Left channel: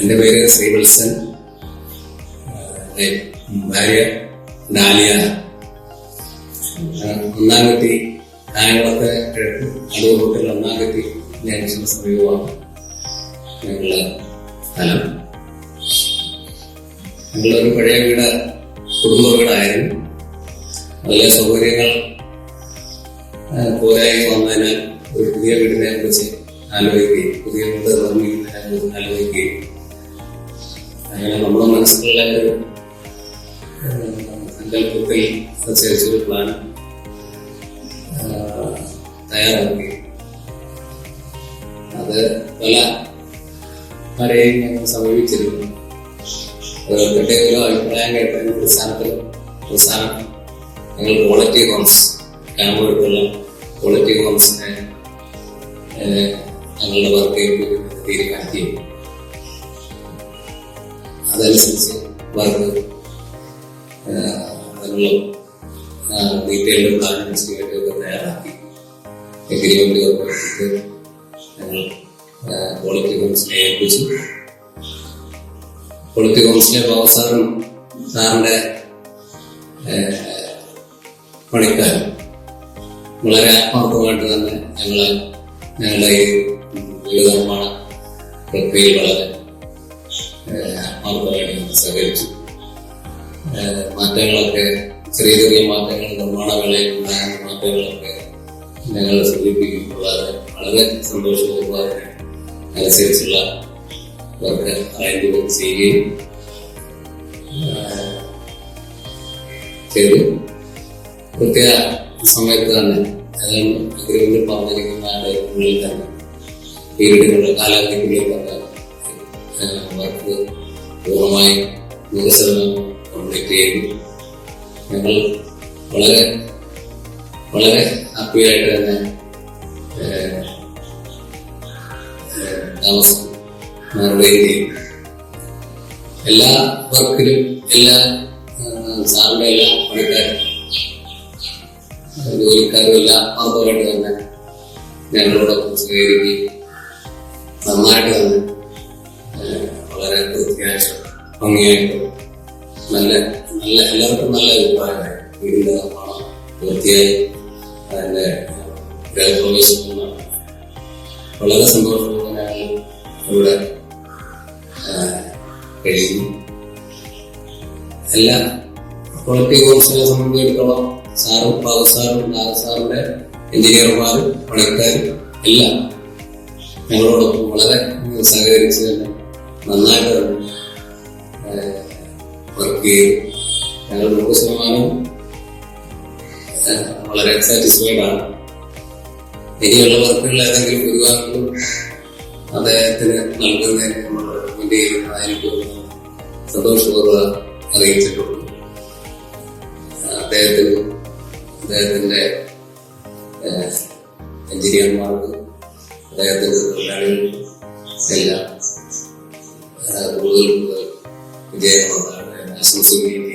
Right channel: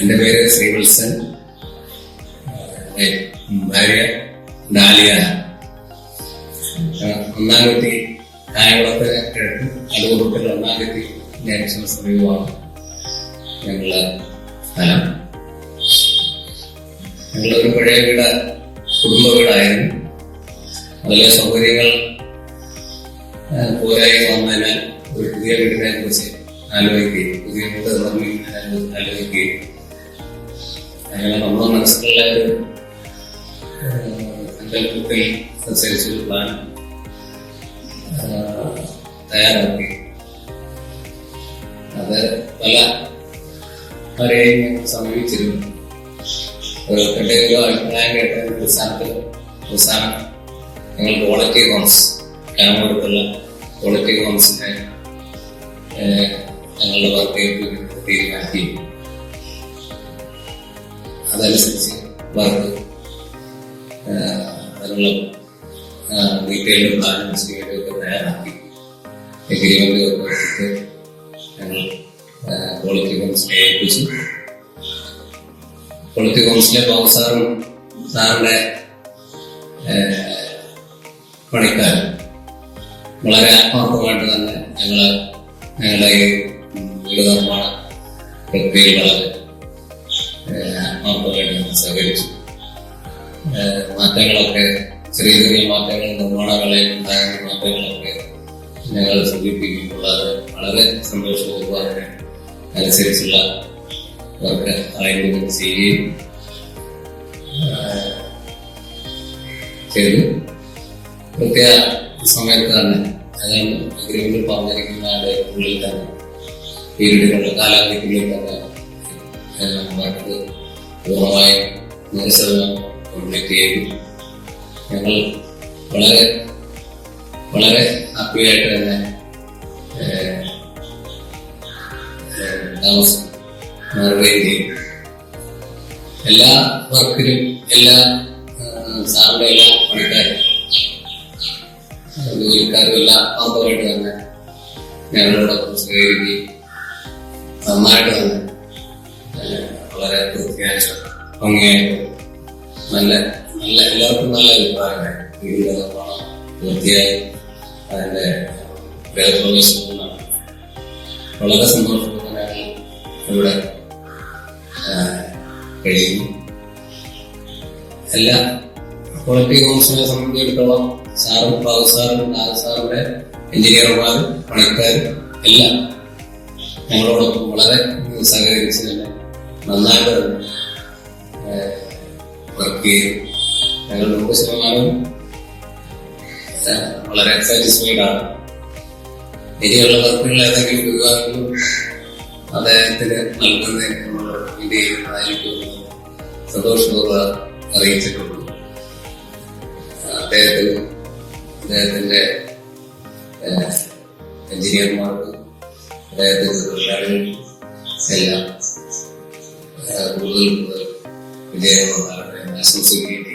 എൻ്റെ പേര് ശ്രീവത്സൻ. ഭാര്യ ഡാലിയ. ഒന്നാംകെട്ടി കായംകുളത്തെ കിഴക്ക് അടൂർ റൂട്ടിൽ ഒന്നാംകെട്ടി ജംഗ്ഷന് സമീപമാണ് ഞങ്ങളുടെ സ്ഥലം. ഞങ്ങളൊരു പഴയ വീട് കുടുംബ വീടായിരുന്നു. അതിലെ സൗകര്യങ്ങൾ പോരായി വന്നതിനാൽ ഒരു പുതിയ വീടിനെ കുറിച്ച് ആലോചിക്കുകയും പുതിയ വീട് നിർമ്മിക്കുന്നതിനെ കുറിച്ച് ആലോചിക്കുകയും അങ്ങനെ നമ്മുടെ മനസ്സിലുള്ള ഒരു സങ്കല്പത്തിൽ അനുസരിച്ചൊരു പ്ലാൻ തയ്യാറാക്കി. അത് പല ആരെയും ഞങ്ങൾ സമീപിച്ചിരുന്നു. പ്രത്യേക അഭിപ്രായം കേട്ടതിന്റെ അടിസ്ഥാനത്തിൽ അവസാനം ഞങ്ങൾ ക്വാളിറ്റി ഹോംസ് കാമൂർക്കുള്ള ക്വാളിറ്റി ഹോംസിനെ ഞങ്ങളുടെ വർക്ക് തീരുമാനിക്കി. അതനുസരിച്ച് വർക്ക് അതിനുള്ള ഡീറ്റെയിൽഡ് പ്ലാനും ഒക്കെ തയ്യാറാക്കി എഗ്രിമെന്റ് ഒക്കെ ഞങ്ങൾ ക്വാളിറ്റി ഹോംസിനെ ഏൽപ്പിച്ചു. ക്വാളിറ്റി ഹോംസിലെ ബാബു സാറിന്റെ പണിക്കാർ വളരെ ആത്മാർത്ഥമായിട്ട് തന്നെ ഞങ്ങളുടെ ഈ വീട് നിർമ്മാണ പ്രക്രിയയിൽ വളരെ ആത്മാർത്ഥമായിട്ട് ഞങ്ങൾ സഹകരിച്ചു. മാറ്റങ്ങളൊക്കെ ചെറിയ ചെറിയ മാറ്റങ്ങൾ നിർമ്മാണ വേളയിൽ ഉണ്ടാകുന്ന മാറ്റങ്ങളൊക്കെ ഞങ്ങൾ സൂചിപ്പിക്കുമ്പോൾ വളരെ സന്തോഷപൂർവ്വം അതിനനുസരിച്ചുള്ള വർക്ക് അറേഞ്ച്മെന്റ് ചെയ്യുകയും ചെയ്തു. പ്രത്യേക സമയത്ത് തന്നെ അതാണ് അഗ്രിമെന്റിൽ പറഞ്ഞിരിക്കുന്ന ഉള്ളിൽ തന്നെ പീരീഡുകളുടെ കാലാവധിക്കുള്ളിൽ തന്നെ വർക്ക് പൂർണ്ണമായും 100% കംപ്ലീറ്റ് ചെയ്തു. ഞങ്ങൾ വളരെ വളരെ ഹാപ്പിയായിട്ട് തന്നെ താമസം മാറുകയും ചെയ്യും. എല്ലാ വർക്കിലും എല്ലാ സാറിന്റെ എല്ലാ പണിക്കാരും ജോലിക്കാരും എല്ലാം ആത്മാർത്ഥമായിട്ട് തന്നെ ഞങ്ങളോടൊപ്പം സഹകരിക്കുകയും നന്നായിട്ട് തന്നെ വളരെ വൃത്തിയായിട്ട് ഭംഗിയായിട്ട് നല്ല എല്ലാവർക്കും നല്ല അഭിപ്രായമായി. വീടിന്റെ നിർമ്മാണം വൃത്തിയായി അതിന്റെ ഗൃഹപ്രവേശനം വളരെ സന്തോഷപൂർവ്വമായി ഇവിടെ കഴിയുന്നു. എല്ലാ ക്വാളിറ്റി ഹോംസിനെ സംബന്ധിച്ചിടത്തോളം സാറും സാറിന്റെ എഞ്ചിനീയർമാരും പണിക്കാരും എല്ലാം ഞങ്ങളോടൊപ്പം വളരെ സഹകരിച്ച് തന്നെ നന്നായിട്ട് വർക്ക് ചെയ്തു. ഞങ്ങൾ 100% വളരെ സാറ്റിസ്ഫൈഡ് ആണ്. ഇനിയുള്ള വർക്കുകൾ ഏതെങ്കിലും വിഭാഗങ്ങളും അദ്ദേഹത്തിന് നൽകുന്നതിന് നമ്മൾ റെക്കമെൻഡ് ചെയ്യുന്നതായിരിക്കും സന്തോഷപൂർവ്വം അറിയിച്ചിട്ടുള്ളൂ. അദ്ദേഹത്തിന്റെ എഞ്ചിനീയർമാർക്ക് അദ്ദേഹത്തിന്റെ തൊഴിലാളികൾക്ക് എല്ലാം കൂടുതൽ വിജയങ്ങളുണ്ടാകട്ടെ ആശംസിക്കുകയും